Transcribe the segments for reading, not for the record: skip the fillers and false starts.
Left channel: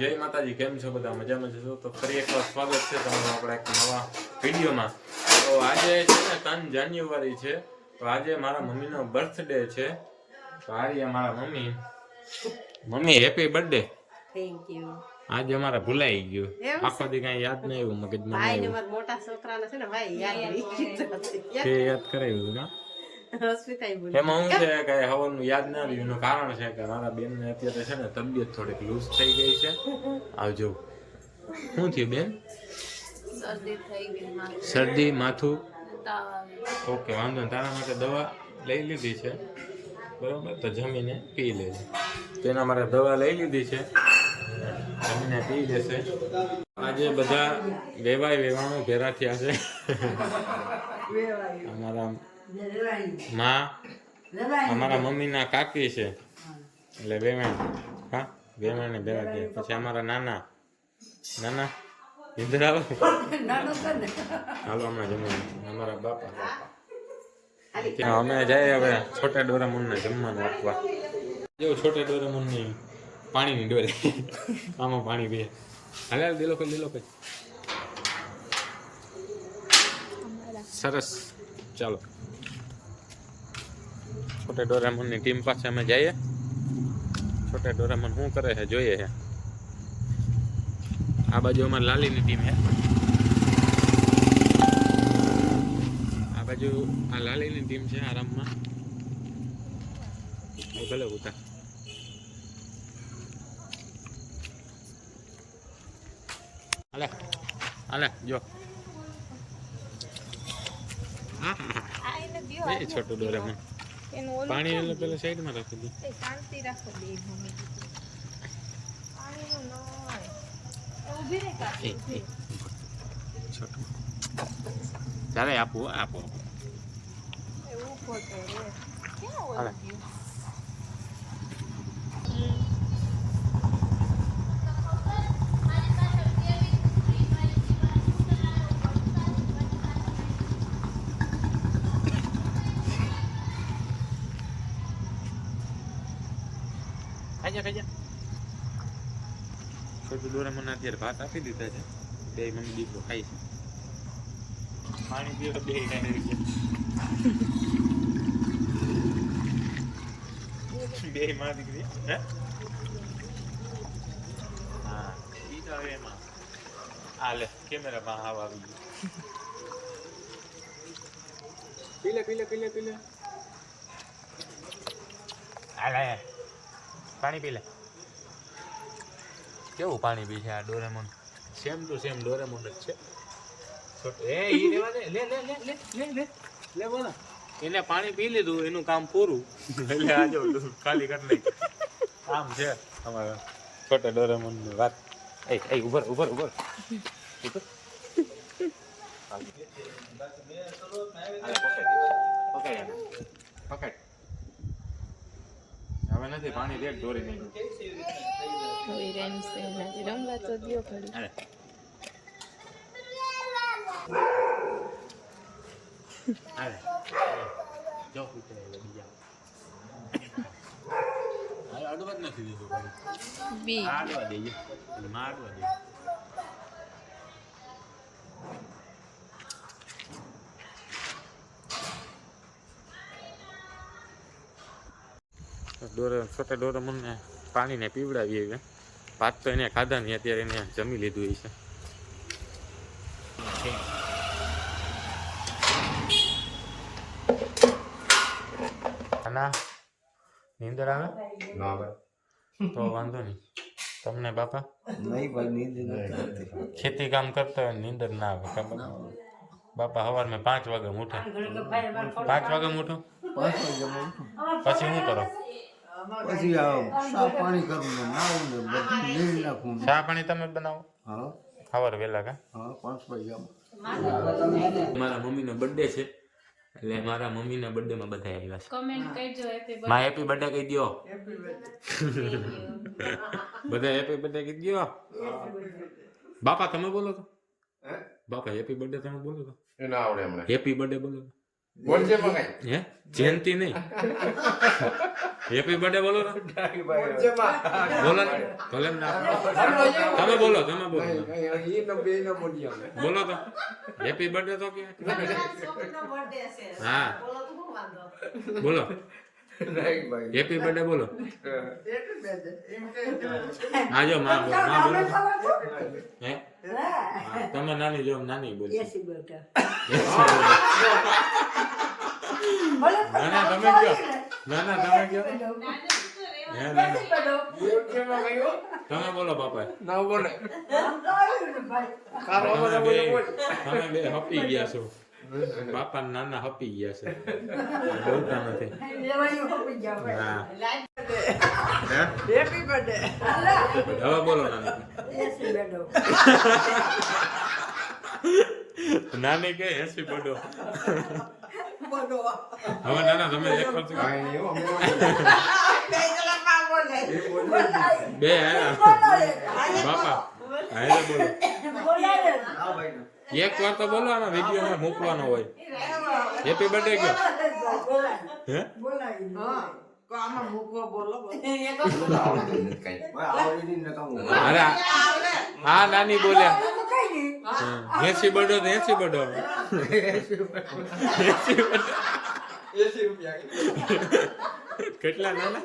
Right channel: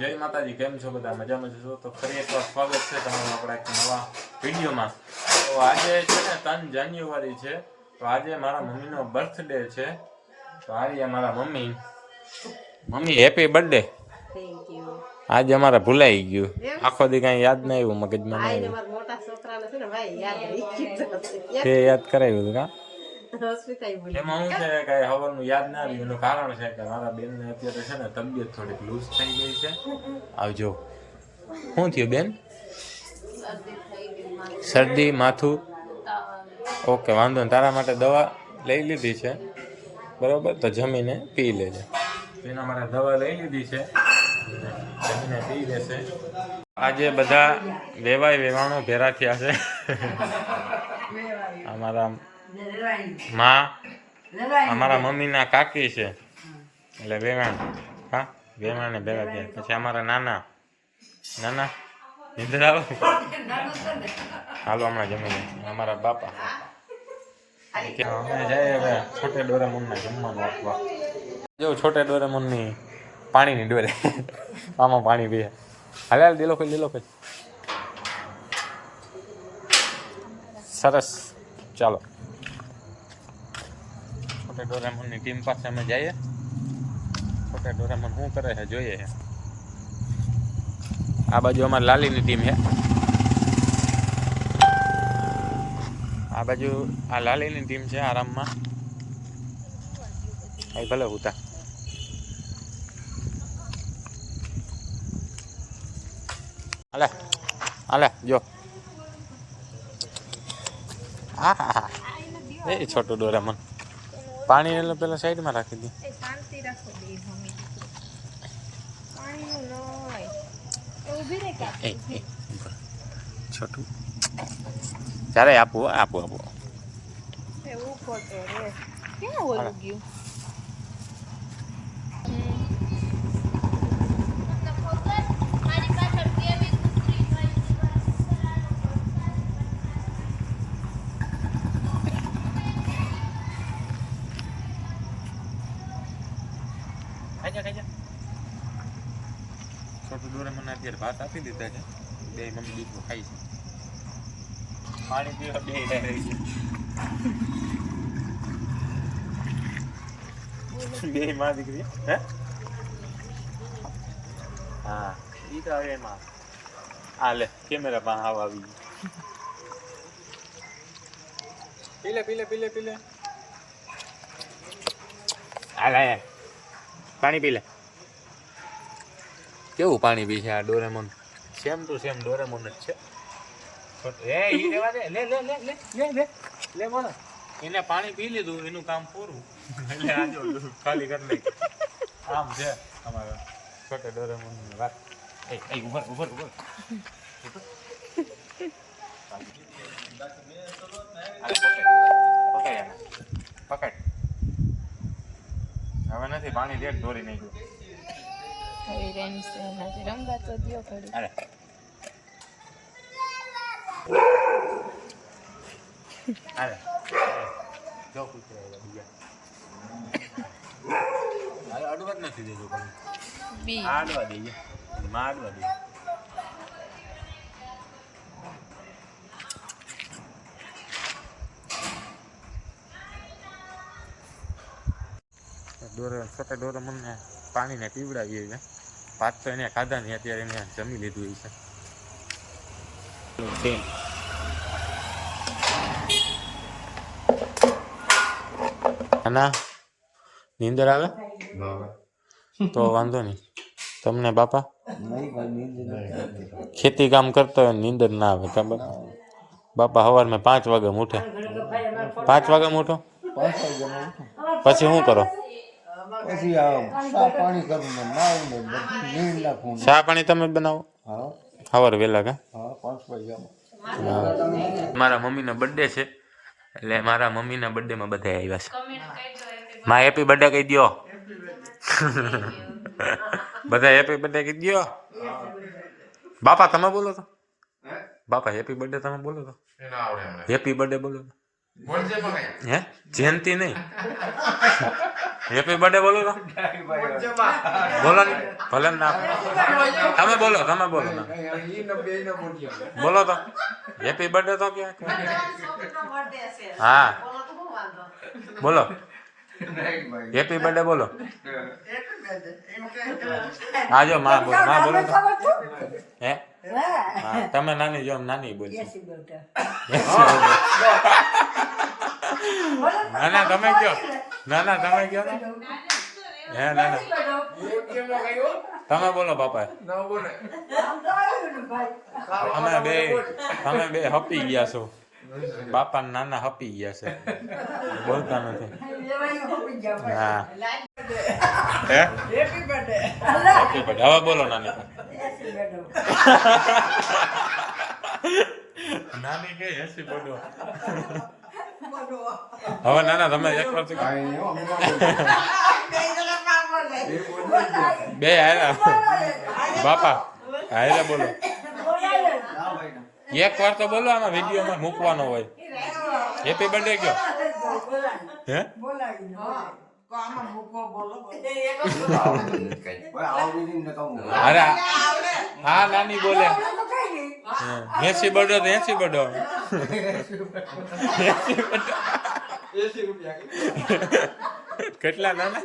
જય માતાજી. કેમ છો બધા? મજામાં છો? તો ફરી એકવાર સ્વાગત છે તમારું આપણા એક નવા વિડીયોમાં. તો આજે છે ને 3 જાન્યુઆરી છે, તો આજે મારા મમ્મીનો બર્થડે છે. તો આજે મારા mummy happy birthday. Thank you. આજે અમારે ભૂલાઈ ગયું, આખો દી કઈ યાદ ન આવ્યું, મગજમાં ભાઈ ને મારા મોટા છોકરાને છે ને ભાઈ યાદ રહી ગયું તે યાદ કરાવ્યું હતું કા? હોસ્પિટલ ભૂલી એમાં શું છે કે હવાનું યાદ ના રહ્યું, એનું કારણ છે કે મારા બેન ને અત્યારે છે ને તબિયત થોડીક લૂઝ થઈ ગઈ છે. આવજો. શું થયું બેન? શરદી થઈ ગઈ, શરદી, માથું? તાવ. ઓકે, વાંધો નહીં. તારા માટે દવા લઈ લીધી છે, બરોબર? તો જમીને પી લેજે. તેના માટે દવા લઈ લીધી છે, જમીને પી લેશે. આજે બધા વેવાણો ભેરા થયા છે. અમારા અમારા મમ્મીના કાકી છે, એટલે વેવાણ. હા, વેવાણને ભેગા થયા. પછી અમારા નાના નિંદર આવે. હાલો હમણાં જમીને. અમારા બાપા. અમે જાય હવે છોટે ડોરેમોનને જમવાનું આપવા. જો છોટે ડોરેમોનની પાણીની ડોરે. આમાં પાણી પીએ. હાલ લીલો કઈ સરસ. ચાલો છોટે ડોરેમોનની ટીમ પાસે અમે જઈએ. છોટે ડોરેમોન શું કરે છે જોઈએ છે. આ બાજુ અમારી લાલીની ટીમ છે. આ બાજુ આ લાલીની ટીમ છે આરામમાં. ભલે ઉતા હાલે હાલે જો. હા એ છોટું ડોરેમોન પાણી એટલે પેલા સાઈડમાં રાખી દે. છોટું ચારે આપું. છોટું ડોરેમોનને અત્યારે ભાત આપી દીધા છે. બે મમ્મી દીકરો ખાઈ છે. પાણી પીવા બે બે માં દીકરી. હે હા ઈ તો આવે એમાં. આ લે કેમેરા માં હાવ આવી ગયું. પીલે હાલે પાણી પી લે. કેવું પાણી પી છે આ Doraemon? Same to same Doraemon જ છે. એ ઈ રેવા દે. લે બોલો. એને પાણી પી લીધું, એનું કામ પૂરું. એટલે આ જો ખાલી કરી નાખ. આમ છે અમારે છોટા ડોરેમોન ની વાત. એ ઉભર. પકડ. હવે નથી પાણી લેટ દોરી નાખ્યું. હવે રેમ્સ એનાથી રમવા તો દિયો ઘડી. અરે અરે જો કૂતરા એવા બીજા. અરે અડવા જ નથી દીધું પણ બી આડવા દઈએ. મારવા દઈએ. છોટા ડોરેમોનને પાણીને પીવડાવીએ છે. ભાત તો એને ખાધા નહીં, અત્યારે એને જમી લીધું છે. ના નીંદર આવે તો વાંધો નહીં તમને બાપા. ખેતી કામ કરતા હોય નીંદર ના આવે. બાપા સવારમાં 5 વાગે ઉઠે. 5 વાગે ઉઠો? 5 વાગ્યામાં ઉઠું. પછી શું કરો? પછી ચા પાણી કરું ને નાવું ને બધું નીર નાખું. ચા પાણી તમે બનાવો? હા સવારે વહેલા કા? હા 5 વાગ્યામાં. મારા મમ્મીનો બર્થડે છે, એટલે મારા મમ્મીના બર્થડેમાં બધા આવ્યા છે. માં હેપી બર્થડે કહી દો. બધા હેપી બર્થડે કહી દો. બાપા તમે બોલો તો. બાપા હેપી બર્થડે તમે બોલો તો. હેપી બર્થડે બોલો તો. હે જયંતિ નહીં હેપી બર્થડે બોલો તો બોલો ને ભલે ના તમે બોલો ને. બોલો તો હેપી બર્થડે તો ક્યાં હા બોલો હેપી બર્થડે બોલો આજો માં બોલો હે હા તમે નાની જો નાની બોલો ના તમે કયો ના તમે કયો હે ના તમે બોલો બાપા તમે બે હપી ગયા છો બાપા નાના હપી ગયા છે બોલતા નથી હા હેપી બર્થડે હવે બોલો નાની નાની કે હેપી બર્થડે હવે નાના તમે એક વાર બે આવ્યા બાપા હારે બોલો એક વાર તો બોલો આમાં વિડીયોમાં મૂકવાનો હોય હેપી બર્થડે કયો હે અરે હા નાની બોલે હેસી બર્થડે તો હેસી બર્થડે કેટલા નાના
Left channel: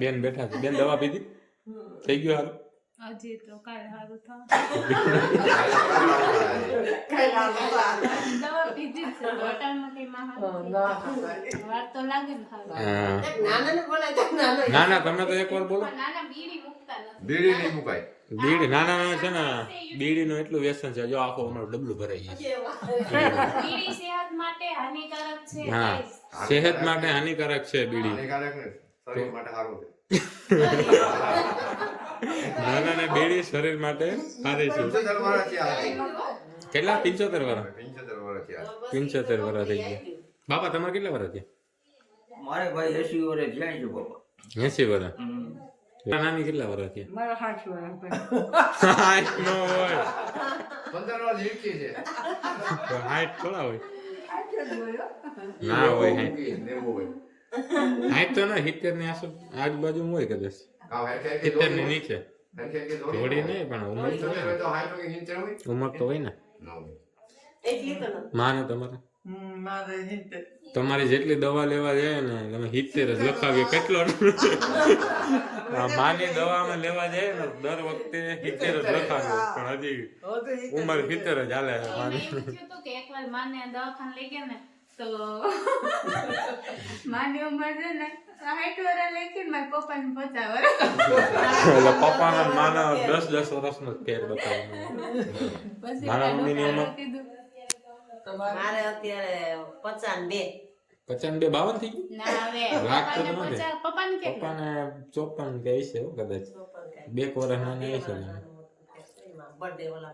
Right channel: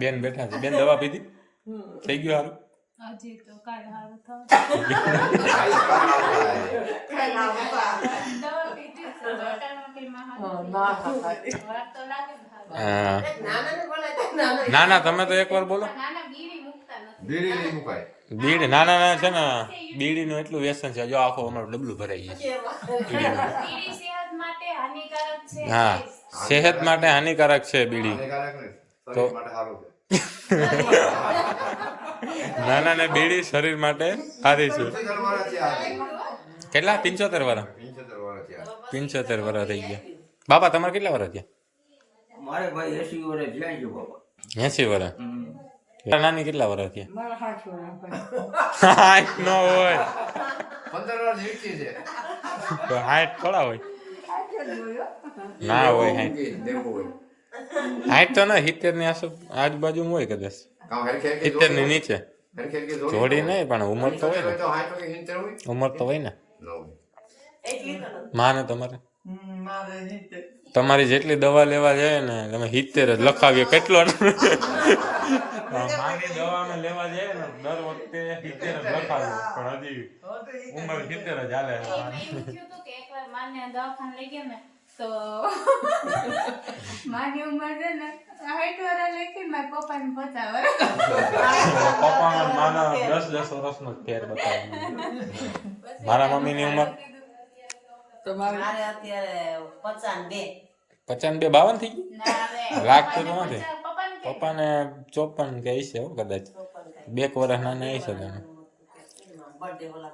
બેન બેઠા છે બેન દવા પીધી થઈ ગયું હારું હજી તો કાલ હારું થાવ દવા પીધી છે હોટલમાં કઈ વાર તો લાગે ને ખાવા ના ના તમે તો એકવાર બોલો નાના બીડી મુકતા નથી બીડી નાના છે ને બીડી નું એટલું વ્યસન છે જો આખો અમારું ડબલું ભરાઈ ગયું બીડી સેહત માટે હાનિકારક છે હા સેહત માટે હાનિકારક છે બીડી તો નાના ને બીડી શરીર માટે સારી છે કેટલા 75 વર્ષ 75 વર્ષ થઈ ગયા બાપા તમારે કેટલા વર્ષ થયા મારે ભાઈ 80 વર્ષ જાય છે બાપા 80 વર્ષ નાની કેટલા વર્ષ થયા 60 નો હોય 15 વર્ષ નીચે છે તો 60 થોડા હોય ના હોય 60 તો ના 70 ની આજુબાજુ હોય કદાચ 70 ની નીચે જોડી નહીં પણ ઉંમર તો હોય ને ઉંમર તો હોય ને માને તમારી જેટલી દવા લેવા જાય ને તમે 70 જ લખાવીએ કેટલો માની દવામાં લેવા જાય ને દર વખતે 70 જ લખાવ્યો પણ હજી ઉંમર 70 જ હાલે એકવાર માને દવાખાને લઈ ગયા ને તો માની ઉંમર છે ને 60 વર્ષ લઈ ગઈ મારા પપ્પાને 50 વર્ષ પપ્પાના માના 10 વર્ષનો ફેર બતાવો મારા મમ્મીની ઉંમર મારે અત્યારે 55 52 થઈ ગઈ ના હવે લાગતું તો નથી પપ્પાને પપ્પાને કે 54 કે હશે કદાચ 2 વર્ષ નાના હશે તમે બર્થડે ઓલા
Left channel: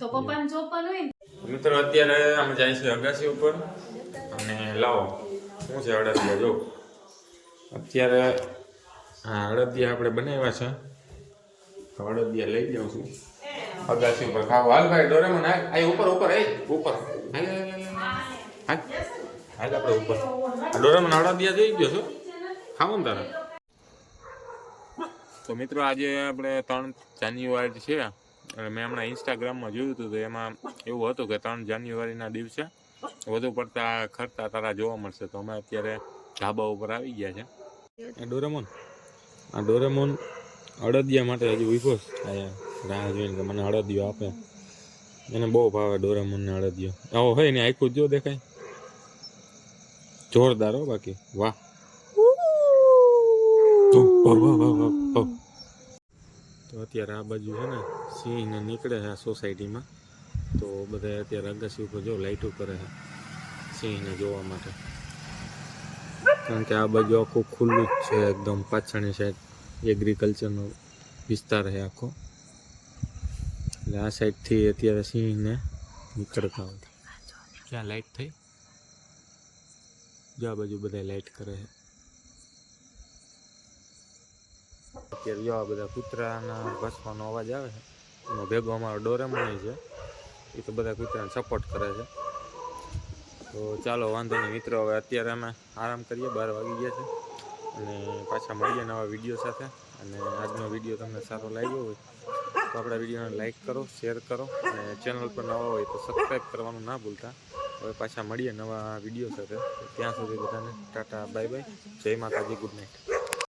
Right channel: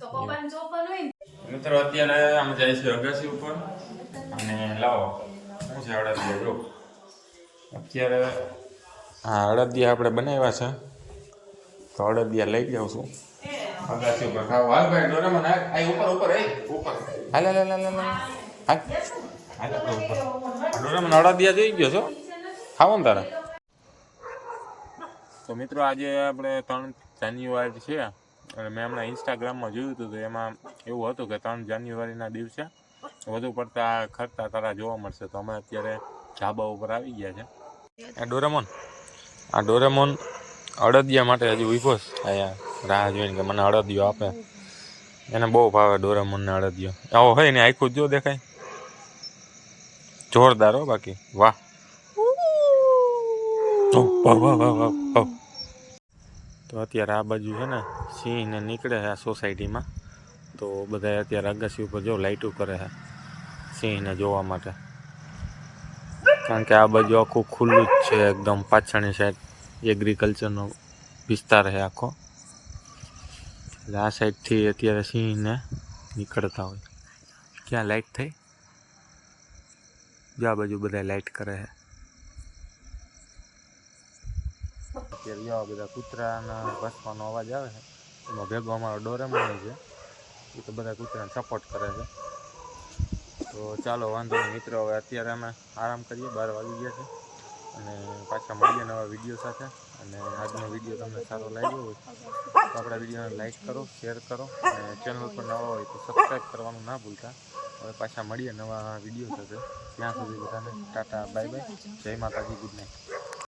તો પપ્પાને 54 હોય ને મિત્રો અત્યારે આમ જાય છે અગાસી ઉપર અને લાવો શું છે અડદિયા જો અત્યારે હા અડદિયા આપણે બનાવ્યા છે તો અડદિયા લઈ જાઉં છું અગાસી ઉપર ખાવ હાલ ભાઈ ડોરેમોન આ ઉપર ઉપર હાલ આપણે ઉપર ડોરેમોન અડદિયા જોઈ ગયો છો ખાવો ને તારા તો મિત્રો આજે આપણે 3 જાન્યુઆરી છે અને મેં હમણાં ઇન્સ્ટાગ્રામમાં જોયું હતું તો એમાં એવું હતું કે 3 જાન્યુઆરીના દિવસે વધુ પડતા ખરતા તારા જોવા મળશે તો અમે અત્યારે ધાબા ઉપર આવી ગયા છે આ ડોરેમોન અડદિયા માટે હજી ઉભો છે અહીંયા રાહ જોઈને કે મને અડદિયો આપે એને બહુ ભાવે ડોરેમોનને અડદિયો આવો હોય ને આખું જો દેખાય જોરદાર હો બાકી વાહ તો અત્યારે આ બાજુ છે ને સિંહને નીકળે છે આ સોસાયટીમાં તો બધા અત્યારે અગાસી ઉપર જો લાઇટો કરે છે સિંહને જોવા માટે કારણ કે આ બાજુ આખું ખુલ્લું જ છે એકદમ પાછળની સાઈડ એગ્રીકલ્ચરનો વિસ્તાર છે આખો એટલે આ સાઈડથી અત્યારે સિંહને નીકળતા હોય ક્યાં લાઇટ થઈ જો આ બાજુ બધા લાઇટ કરે છે અત્યારે જો આ બધા કૂતરાના ભસવાનો અવાજ આવે છે એમાં ભેગો અમારો ડોરેમોન છે. એ તો બધા કૂતરાને સપોર્ટ કરે છે. તો ચાલો વાંધો નહીં મિત્રો, હવે અત્યારે અમે આરામ કરીએ, 12 વાગી ગયા છે અને પાછા મળીએ નવા વિડીયો સાથે. અને આજનો વિડીયો તમને સારો લાગ્યો હોય તો આપણા વિડીયોને લાઈક કરો, શેર કરો અને ચેનલ પર નવા હોય તો સબસ્ક્રાઈબ કરવાનું ના ભૂલતા. હવે પાછા મળીએ નવા વિડીયો સાથે. ત્યાં સુધી બધાને ટાટા, બાય બાય, જય માતાજી, ગુડ નાઇટ.